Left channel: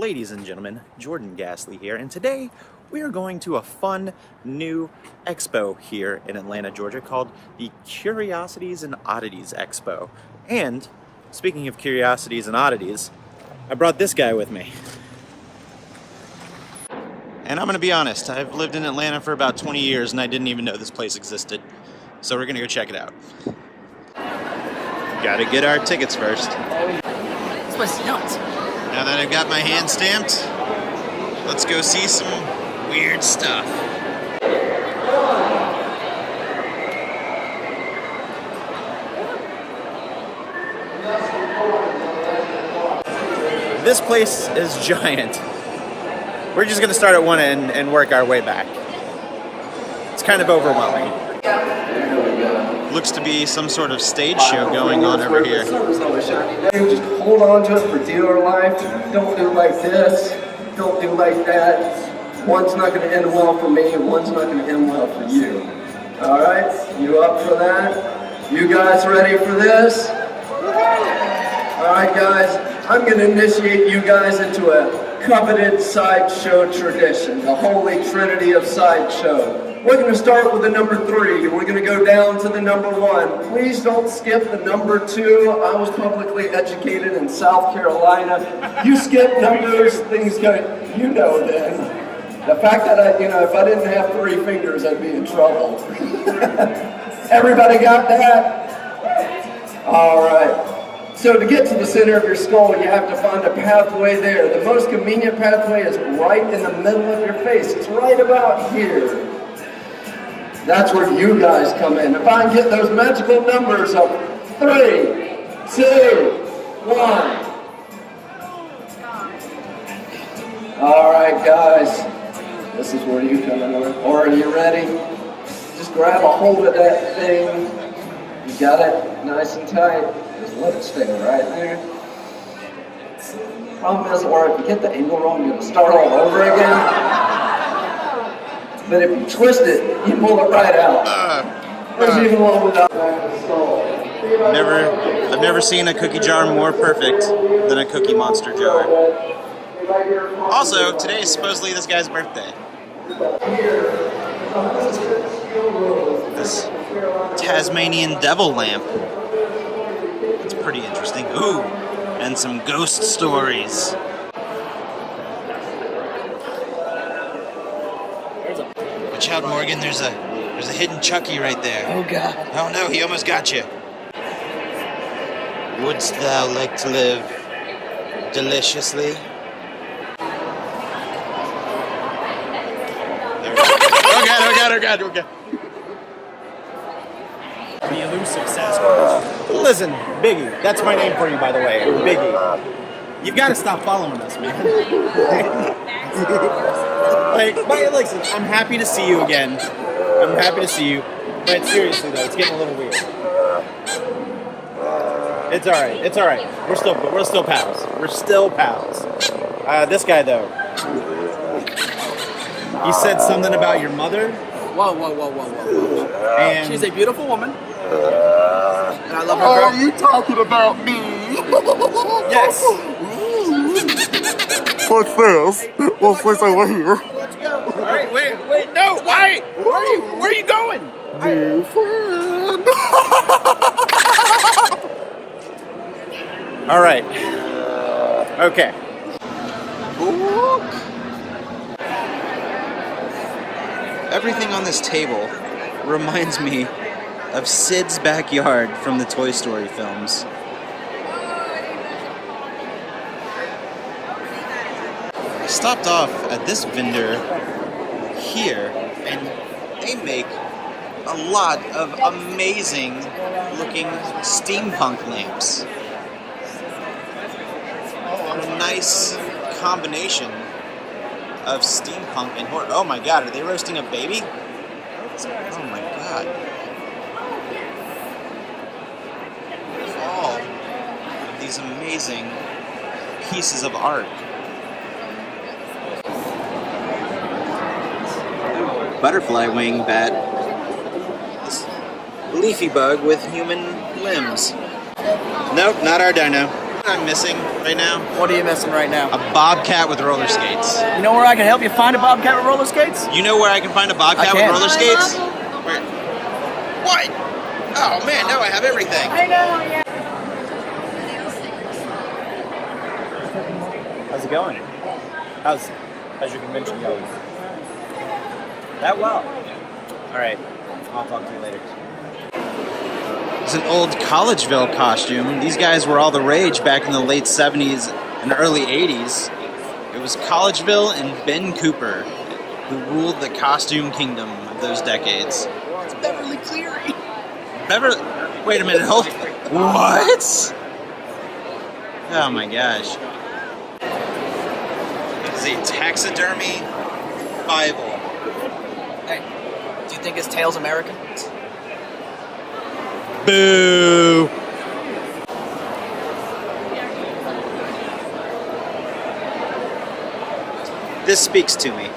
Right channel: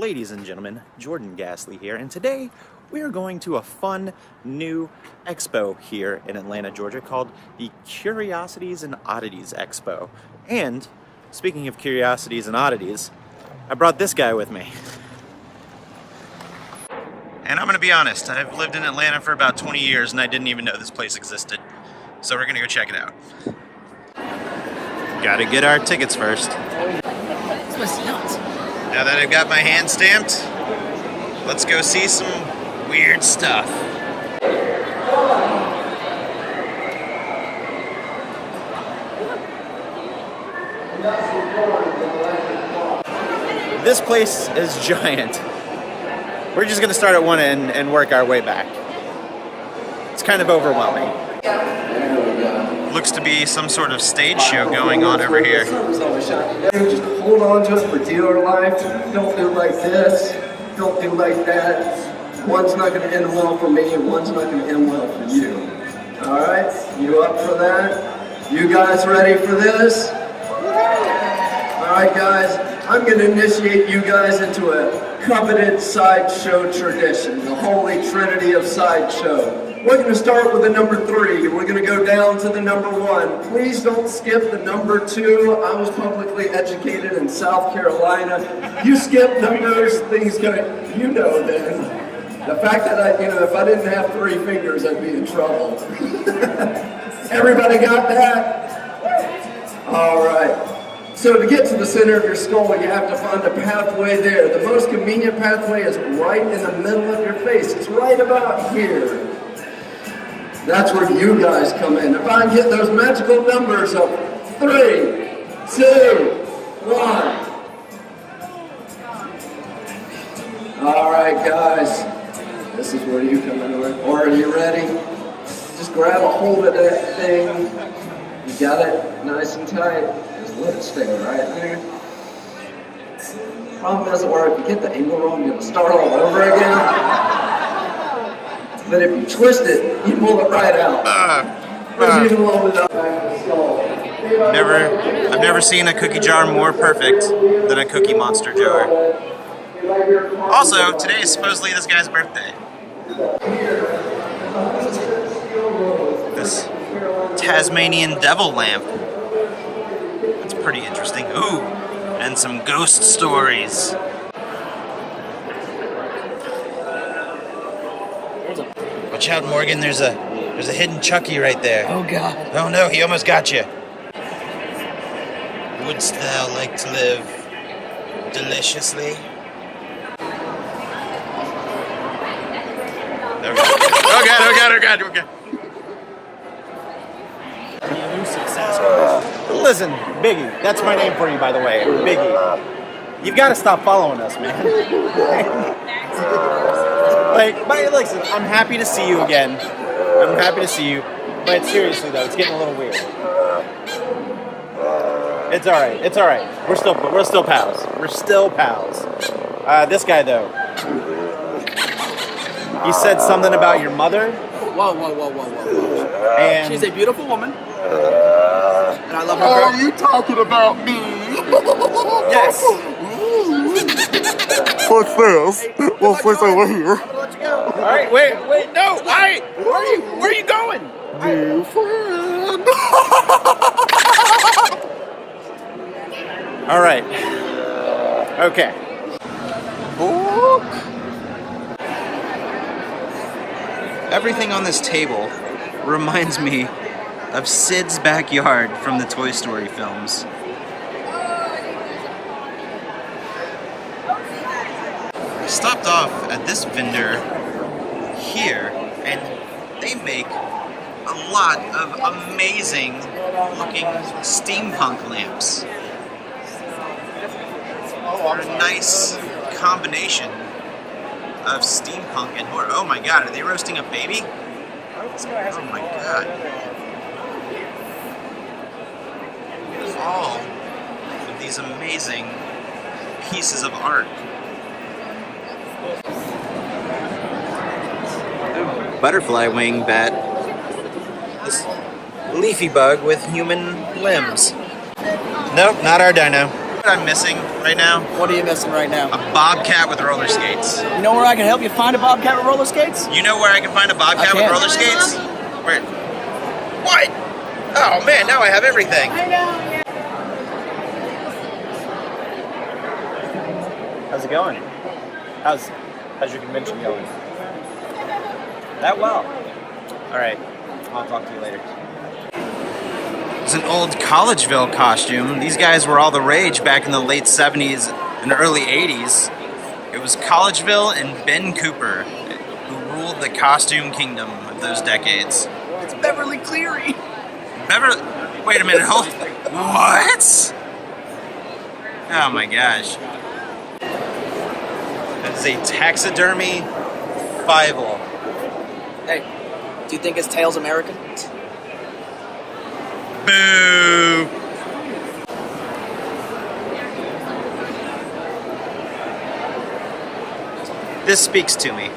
Ladies and gentlemen, Jordan Gasly here, and today we are going to a fun new expo here in Atlanta, Georgia called the Curiosities and Oddities Expo. And speaking of curiosities and oddities, I brought this guy with me. And I'm gonna be honest, I've lived in Atlanta for about 20 years and I didn't even know this place existed. So we're gonna go check it out. Gotta get our tickets first. This was nuts. Now that I've got my hand stamped, let's go see some weird stuff. This place is giant. We're just gonna start at one end and work our way back. It's kind of overwhelming. Looks to be some sort of stage show going on over here. Just hold on to it for dealer life. Don't do like this. Don't do like that. One's not going to end well for me, and one's not going to end well for you. All right? You up for that? You guys ready for this? All right, guys. I'm going to initiate you guys into a coveted sideshow tradition, the holy trinity of sideshow. We're going to start with the number 3, and we're going to go down to the number 1. Please don't skip the number 2. I was publicly educated in South Carolina. You skip numbers, things go, you know then. The fact that if I didn't have 3 fingers, I'd be in trouble. Everybody got that? All right. So to get to the center of your skull, you have to find a pathway there. The most convenient pathway is right in the middle of your face. It's right about here. That's where you guys come in. If I can get those magical numbers of 3, 2, 1. All right, guys. This is where you come in. Or are you ready? Just grab a hold of that thing. You got it nice and tight. Just let it stay right there. Problem doesn't work. If you get the angle wrong, you're going to start all over again. But if you twist it, you pull it right out. There's even one without I've never seen a cookie jar more perfect than a Cookie Monster jar. Also, today is supposedly this guy's birthday. This Tasmanian devil lamp. That's pretty interesting. Ooh, and some ghost stories. Watch out, Morgan, there's a hidden Chucky right there. Oh god. Oh no, he almost got you. Wouldst thou like to live deliciously? Oh god. The elusive Sasquatch. Listen, Biggie, that's my name for you, by the way. Biggie. You've got to stop following us, man. But listen, I'm happy to see you again. I'm happy to see you. But seriously though, it's getting a little weird. It's alright. It's alright. We're still pals. We're still pals. This guy though. He said something about your mother. Whoa. And She's a beautiful woman. And I love her. Are you talking about me? Yes. What's this? What's this over here? Let's go. Alright, wait, no. Alright, where are you going? New friend. alright. Okay. Everything on this table reminds me of Sid's backyard from the Toy Story films. I stopped off at this vendor here, and they make a lot of amazing looking steampunk lamps. They're a nice combination of steampunk and horror. Oh my god, are they roasting a baby? Oh my god. All of these amazing pieces of art. Butterfly wing bat. leafy bug with human limbs. Nope, not our dino. What I'm missing right now? What are you missing right now? A bobcat with roller skates. You know where I can help you find a bobcat with roller skates? You know where I can find a bobcat I with can. roller skates? Where? What? Oh man, now I have everything. I know, yeah. How's it going? How's your convention going? That well. All right, I'll talk to you later. It's an old Collegeville costume. These guys were all the rage back in the late 70s and early 80s. It was Collegeville and Ben Cooper who ruled the costume kingdom of those decades. It's Beverly Cleary. Wait a minute, hold. What? Oh my gosh. This is a taxidermy Bible. Hey, do you think his tail's American? Boo! This speaks to me.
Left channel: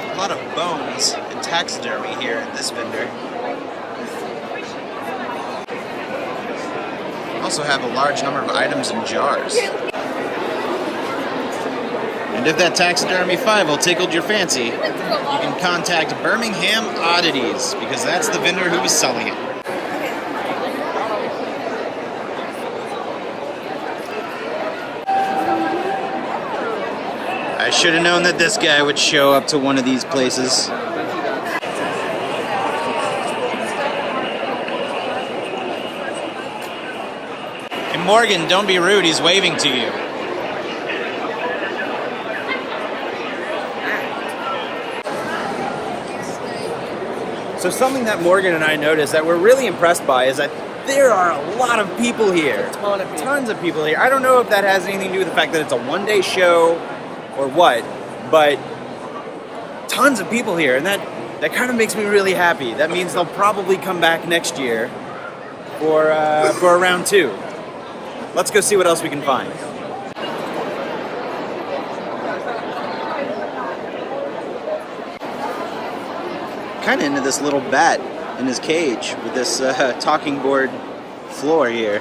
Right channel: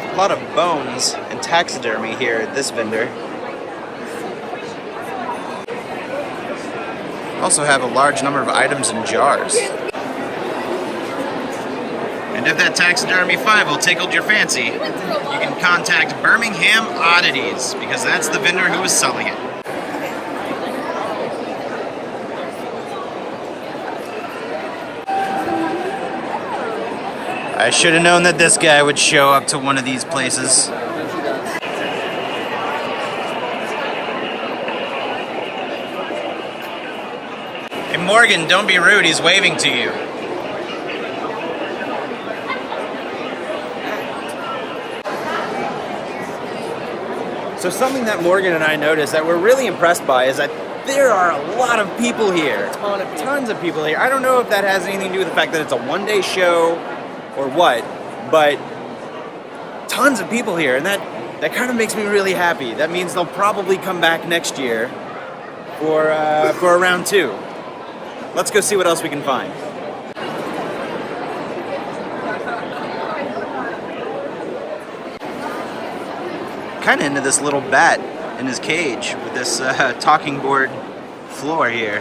A lot of bones and taxidermy here at this vendor. Also have a large number of items in jars. And if that taxidermy Fivel tickled your fancy, you can contact Birmingham Oddities, because that's the vendor who was selling it. I should have known that this guy would show up to one of these places. Hey Morgan, don't be rude, he's waving to you. So something that Morgan and I noticed that we're really impressed by is that there are a lot of people here. Tons of people here. I don't know if that has anything to do with the fact that it's a one-day show or what, but tons of people here, and that kind of makes me really happy. That means they'll probably come back next year for a round 2. Let's go see what else we can find. Kind of into this little bat in his cage with this talking board floor here.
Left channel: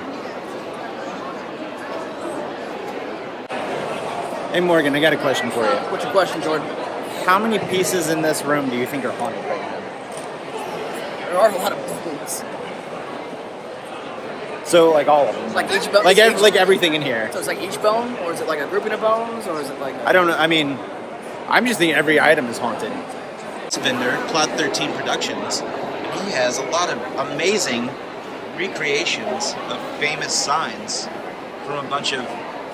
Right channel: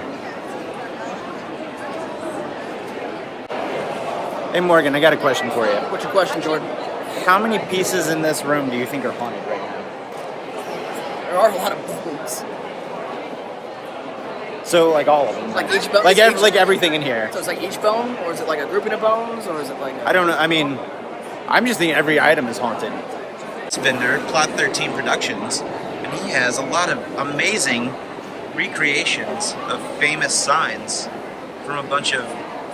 Hey Morgan, I got a question for you. What's your question, Jordan? How many pieces in this room do you think are haunted right now? There are a lot of bones. So like all of them, Like each bone? like everything in here. So it's like each bone, or is it like a grouping of bones, or is it like I don't know. I mean, I'm just thinking every item is haunted. This vendor, Plot 13 Productions, and he has a lot of amazing recreations of famous signs from a bunch of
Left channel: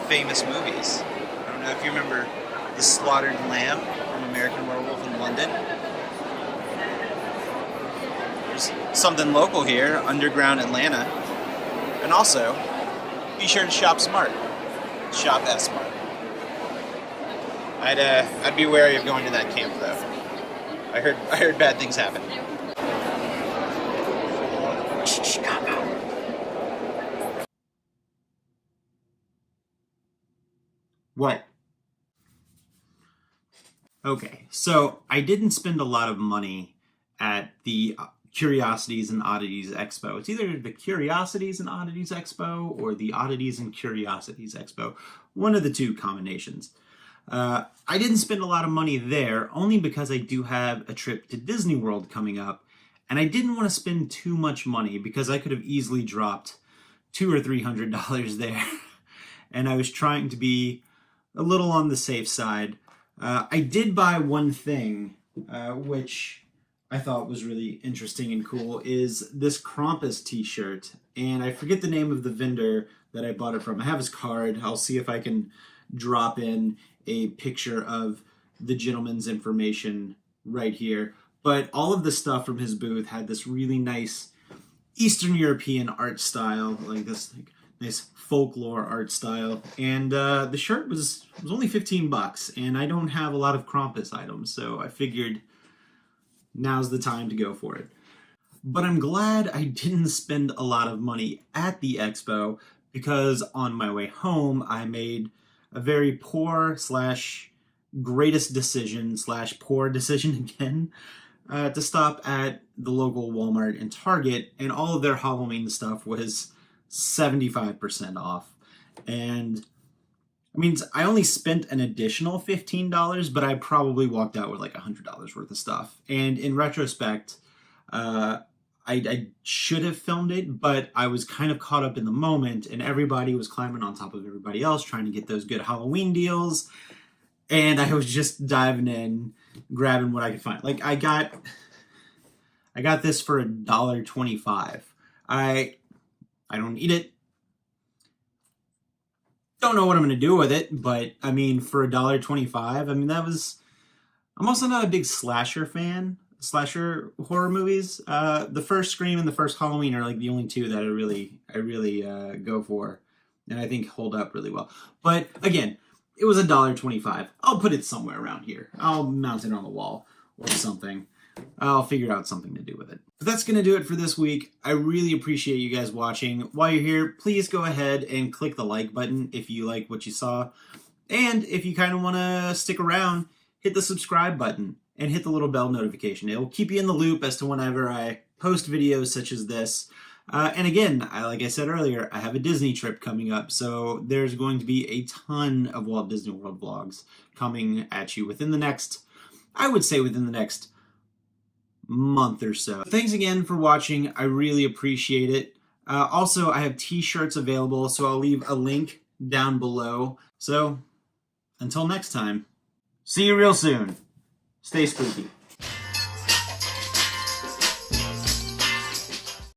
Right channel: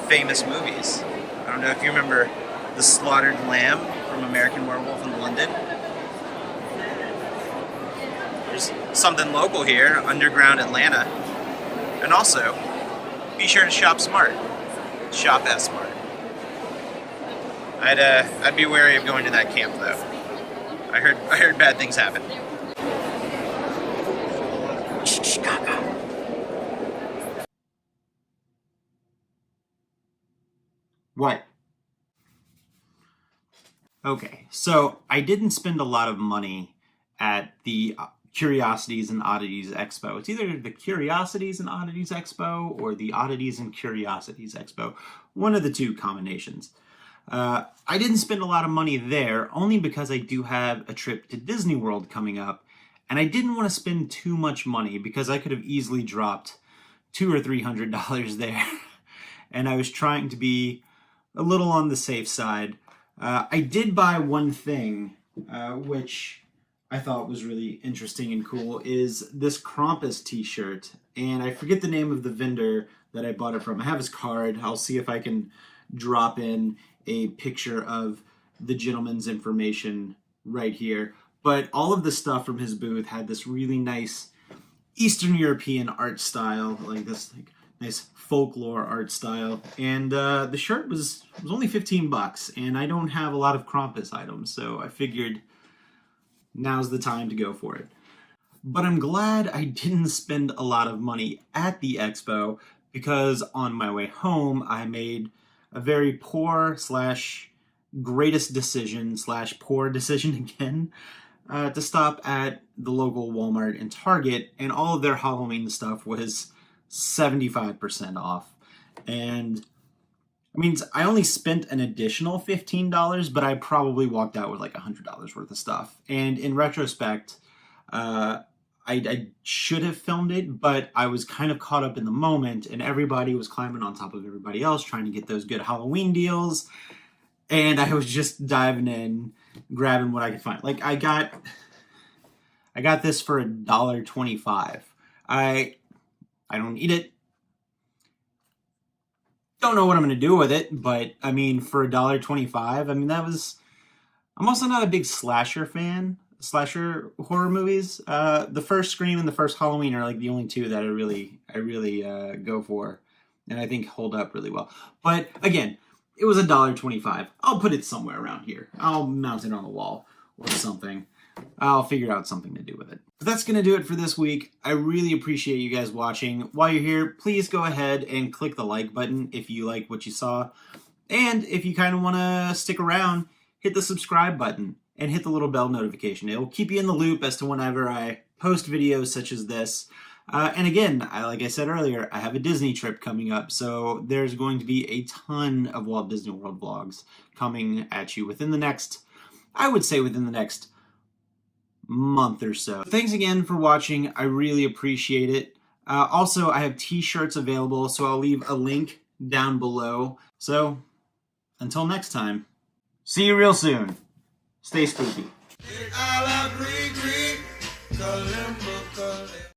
famous movies. I don't know if you remember The Slaughtered Lamb from American Werewolf in London. There's something local here, Underground Atlanta. And also, be sure to shop smart. Shop as smart. I'd be wary of going to that camp though. I heard bad things happen. What? Okay, so I didn't spend a lot of money at the Curiosities and Oddities Expo. It's either the Curiosities and Oddities Expo or the Oddities and Curiosities Expo. One of the two combinations. I didn't spend a lot of money there only because I do have a trip to Disney World coming up, and I didn't want to spend too much money because I could have easily dropped $200 or $300 there, and I was trying to be a little on the safe side. I did buy one thing, which I thought was really interesting and cool, is this Krampus t-shirt, and I forget the name of the vendor that I bought it from. I have his card. I'll see if I can drop in a picture of the gentleman's information right here. But all of the stuff from his booth had this really nice Eastern European art style, like this nice folklore art style. And the shirt was only $15, and I don't have a lot of Krampus items, so I figured now's the time to go for it. But I'm glad I didn't spend a lot of money at the expo, because on my way home I made a very poor / greatest decision / poor decision again. to stop at the local Walmart and Target, and all of their Halloween stuff was 75% off. And I mean, I only spent an additional $15, but I probably walked out with like $100 worth of stuff. And in retrospect, I should have filmed it, but I was kind of caught up in the moment, and everybody was climbing on top of everybody else trying to get those good Halloween deals. And I was just diving in, grabbing what I could find. Like I got this for $1.25. I don't need it. Don't know what I'm going to do with it, but I mean, for $1.25, I mean, I'm also not a big slasher horror movies. The first Scream and the first Halloween are like the only two that I really go for, and I think hold up really well. But again, it was $1.25. I'll put it somewhere around here. I'll mount it on the wall or something. I'll figure out something to do with it. But that's going to do it for this week. I really appreciate you guys watching. While you're here, please go ahead and click the like button if you like what you saw. And if you kind of want to stick around, hit the subscribe button and hit the little bell notification. It will keep you in the loop as to whenever I post videos such as this. And again, like I said earlier, I have a Disney trip coming up, so there's going to be a ton of Walt Disney World vlogs coming at you within the next month or so. Thanks again for watching. I really appreciate it. Also, I have t-shirts available, so I'll leave a link down below. So, until next time, see you real soon. Stay spooky.